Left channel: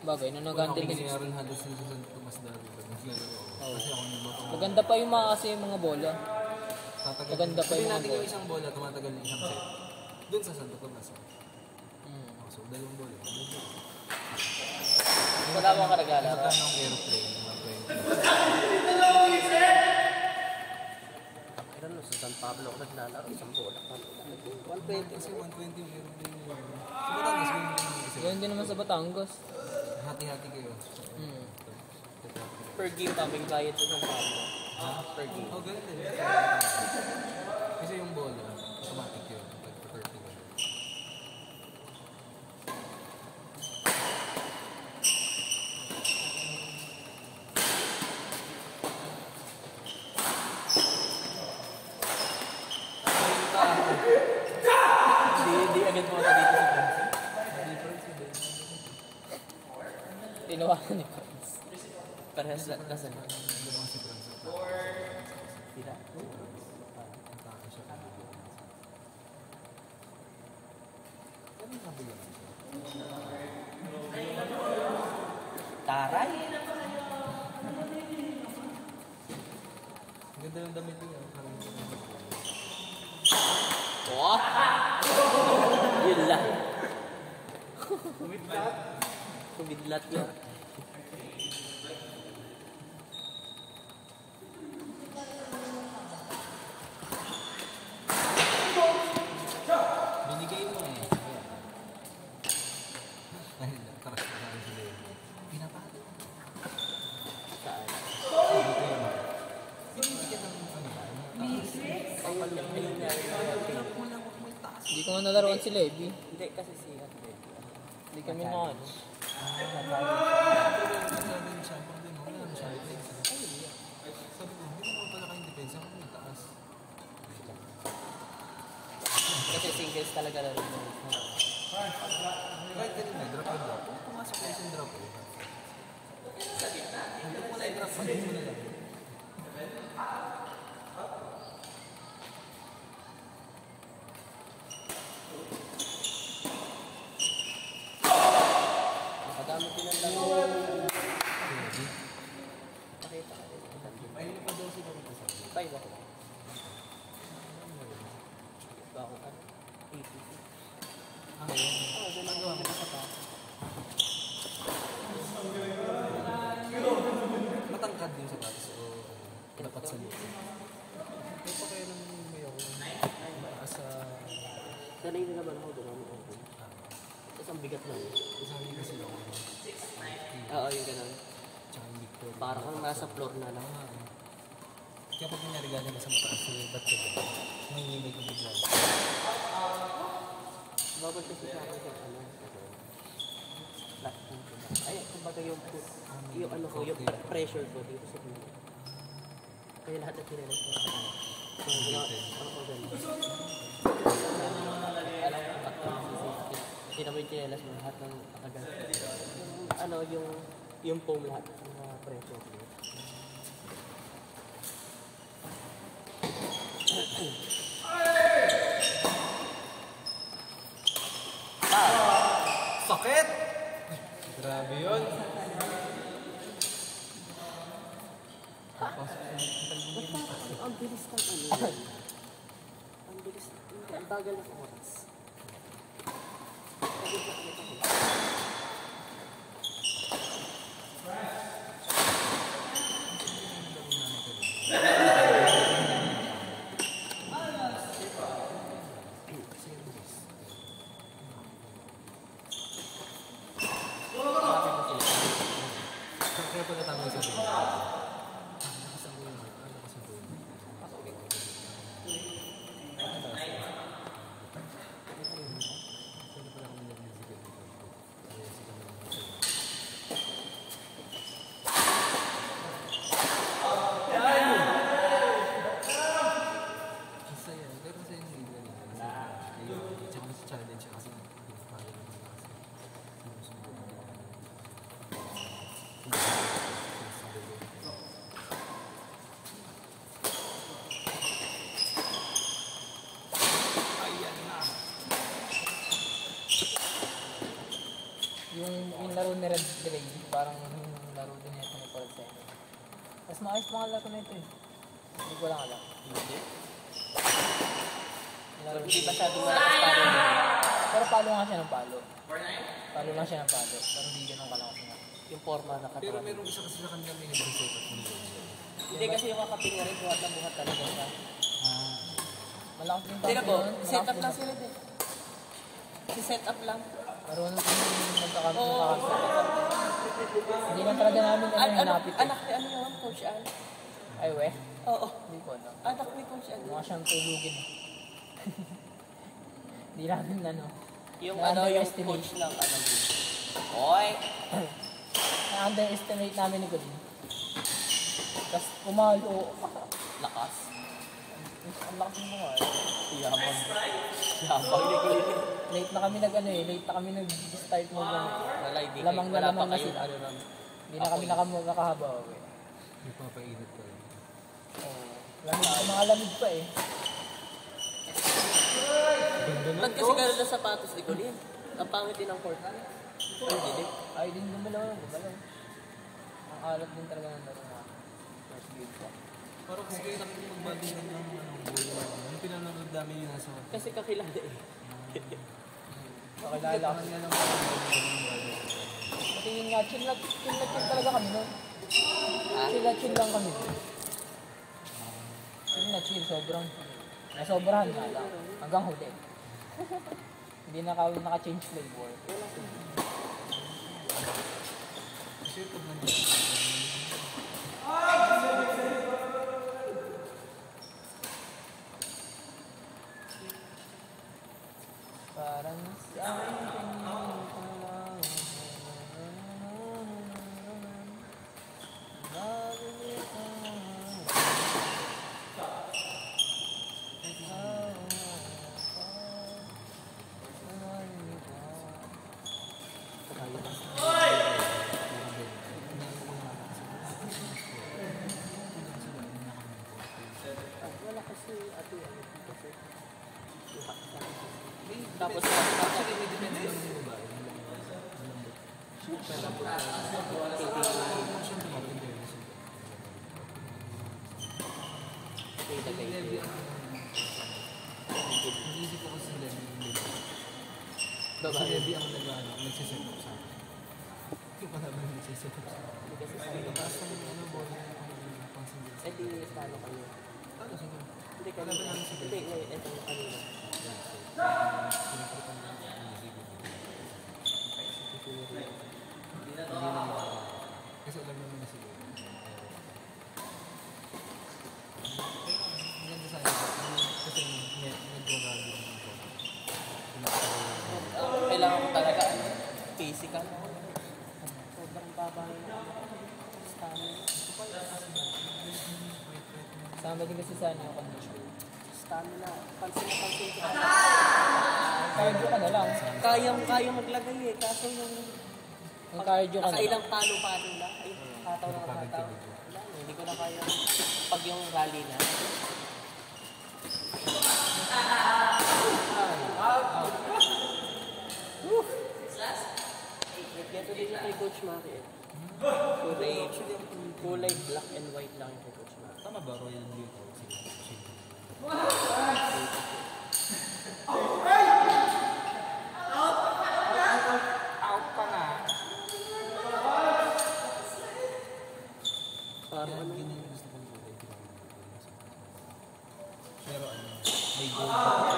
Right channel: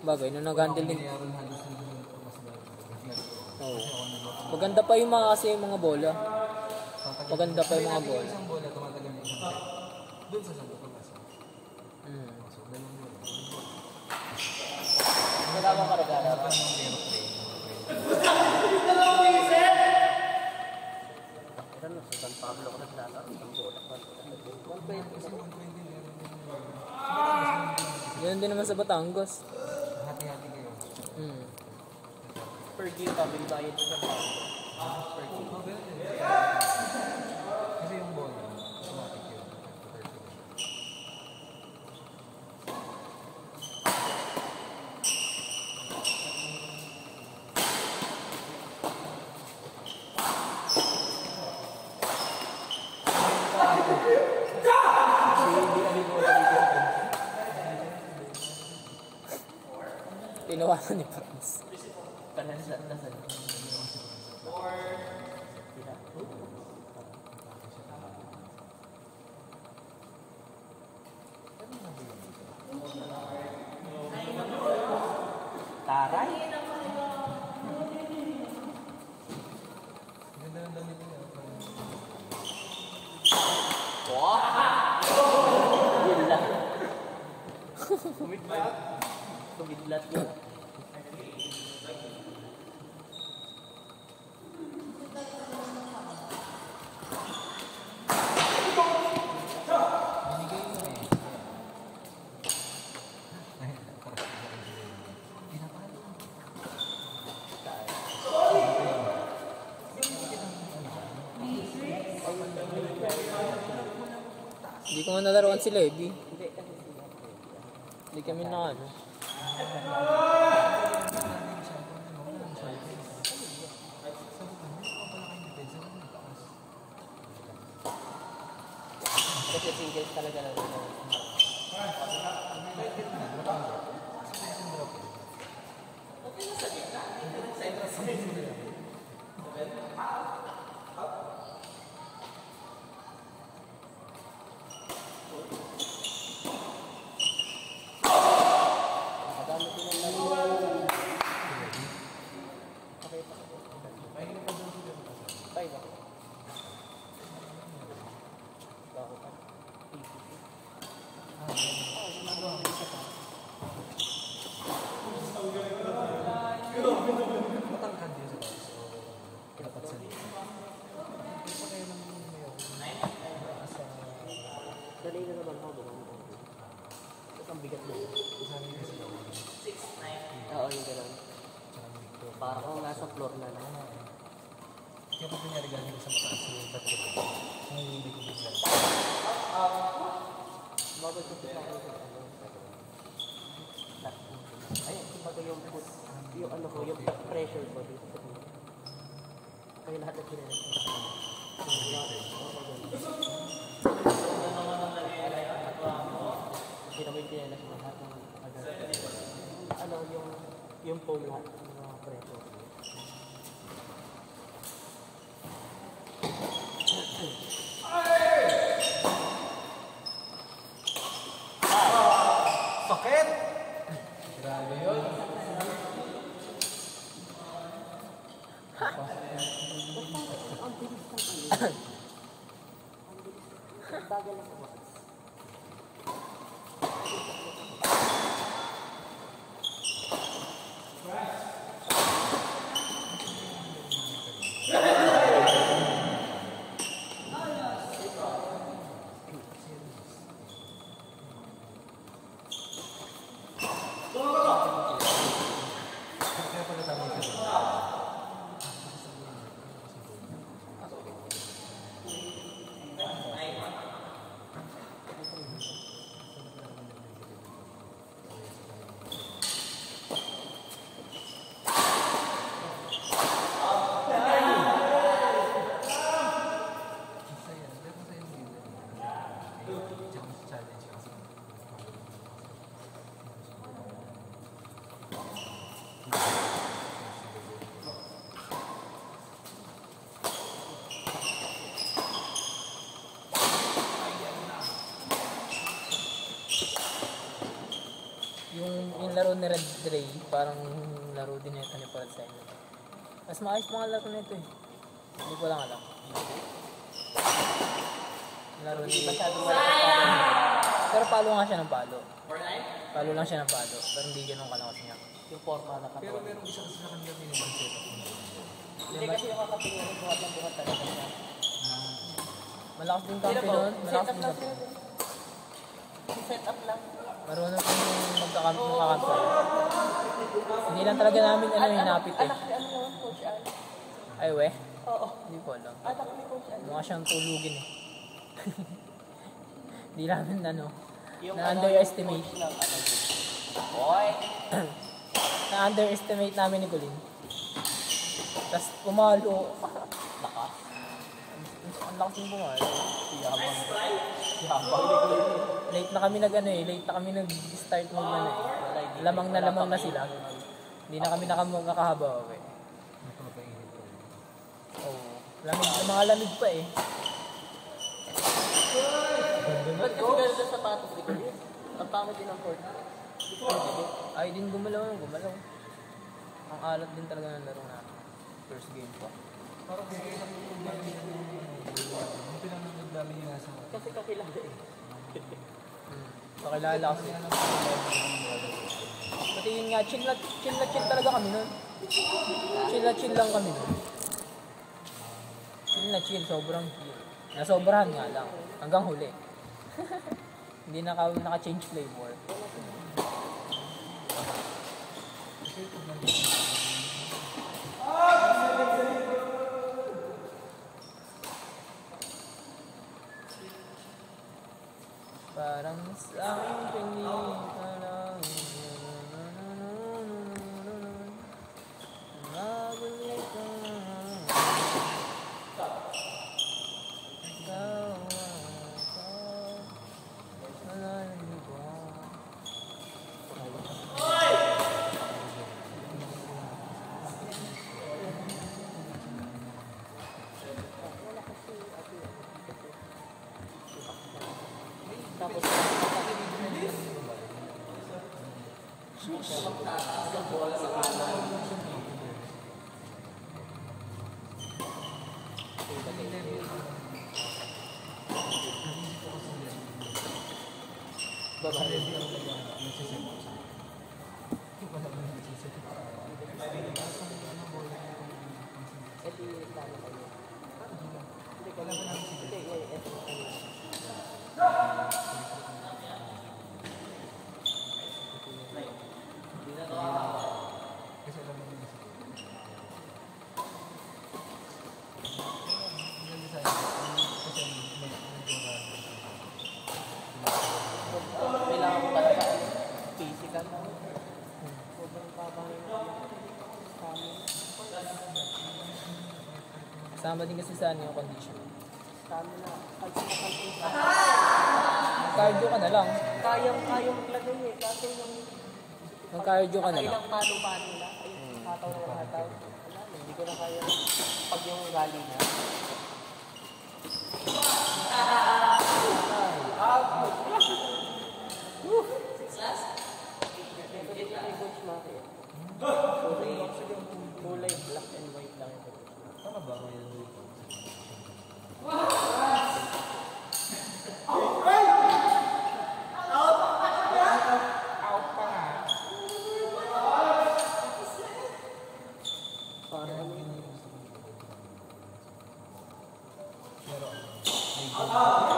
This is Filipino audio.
Bagay, na nag-handle din. Aaron Henderson mas dami. Oo. Maganda pa yung mga kasi yung mga bola. Maganda pa yung mga bola. Isang bola, tumatagal din isang set. Doon sa Santo Tomas. So, dalawang bola. Kasama ka rin. Sa kanang gameplay. Ilan no, sa San Pablo ko na sinalaro. Sa bola. 120 kasi 120 meron din. Yan din naman sa Batangas. Hati-hati kayo. Per game kaming bayad sa San Pablo. Per game. Oh, ganun din. Kasi yung bola, automatic yun. Tinawanan ni Prince. Parehas lasan. Taray! Ganda ng damit niya. Wah! Yun lang. Kumidlat na. Binigay mo eh. Hindi ko nga nalaroan sila eh. Hindi kasi siya. Hindi kami na ano. Kasi singles talaga lang. Matangkad din sa bata. So, dapat sa nito. Ito kaya nung may ako. Asa... Sanay na naman ako gumano. Tapos ang bigat na. Isa rin kasi lang. Oo, yun ka lang. Tsaka yung Victoria. Parang kung nasa floor na lang. Kaya pag nangyari galing ka sa mataas sa libat ko. Nanginginig yung bigla. Bago ito sa ay, kumbaga yung ano ko, yung pressure ko dito sa mga. Kaya lahat na kinala ko. Hindi naman yung kinala sa lahat ng ano, yung foam lahat, yung mga pressure ko. Sakit! Grabe yun. Ang bilis ng ano. Ang bilis. Ang bagal ng oras. Kaya pagkatama sa buhay. Challenge kasi. Yung laro ni Red Dray, parang laro din ito ni Parad sa inyo. Mas maayos mga laro nito eh. Hindi ko lang alam. Laro Hindi ni masyado Pero palo nga siya ng palo. Palo lang siya ng palo. Pero hindi ganun kalakas niya. yung forma na Pero meron isa kasi na kami pinag-set up. Hindi kasi yung kakapingarin ko ang buhat talaga. Malakas din Pero pang po, pinun. set Malakas up din lang pang sila. Si-set up lang. pero ano yung magkakampay. Hindi lang talaga namin hinapit eh. Anak ni ano yun, Coach Al. Ay weh, Oo. hindi ko alam. Anak ni Coach Al. Mukha siyang tulugin. Hindi namin Yung na-underestimate. coach ng ano. Boy! Na-underestimate namin ni Colin. Tapos pumalo. Lakas. Ang lakas yung pumalo. Yabang ni Colin. Late na kami late na kami nag-start lamang na sila. Hindi na kami nakahaba. Okay. Magpapainit ka rin. Oo. Mga lamig pa eh. Ba't kasi gano'n na sapatos ni Colin? Ang pangit din ang court. Ay, hindi. Ay, din gumalaw. Ang alat din talaga ng laro na first game pa. Pero kung kailan mo ba yung pinanood namin yun nasa... Kasi kakilala eh. Pakilala kasi. Pati yun nga, chill talaga kami nun. Chill lang kami. Chill, sobrang nasobrahan nga lang. Hanggang huli. Hindi naka-change flavor. Parang sa akin Tapos, Kasi alam mo na siguro. Kasi kailangan ko talaga physical. Sama din kasi sa yung condition. Stamina. Pansin. Mag-cardio ka na lang. Kaya maglagay eh. Kaso yung Mag-cardio ka na lang. ilang palo-palo na. Hindi ko na kaya. Pag yung rally na. Ito dito yung coach natin. Kulay black and white lang yung coach natin. tama ba kaya dito? Parang Pero may goal.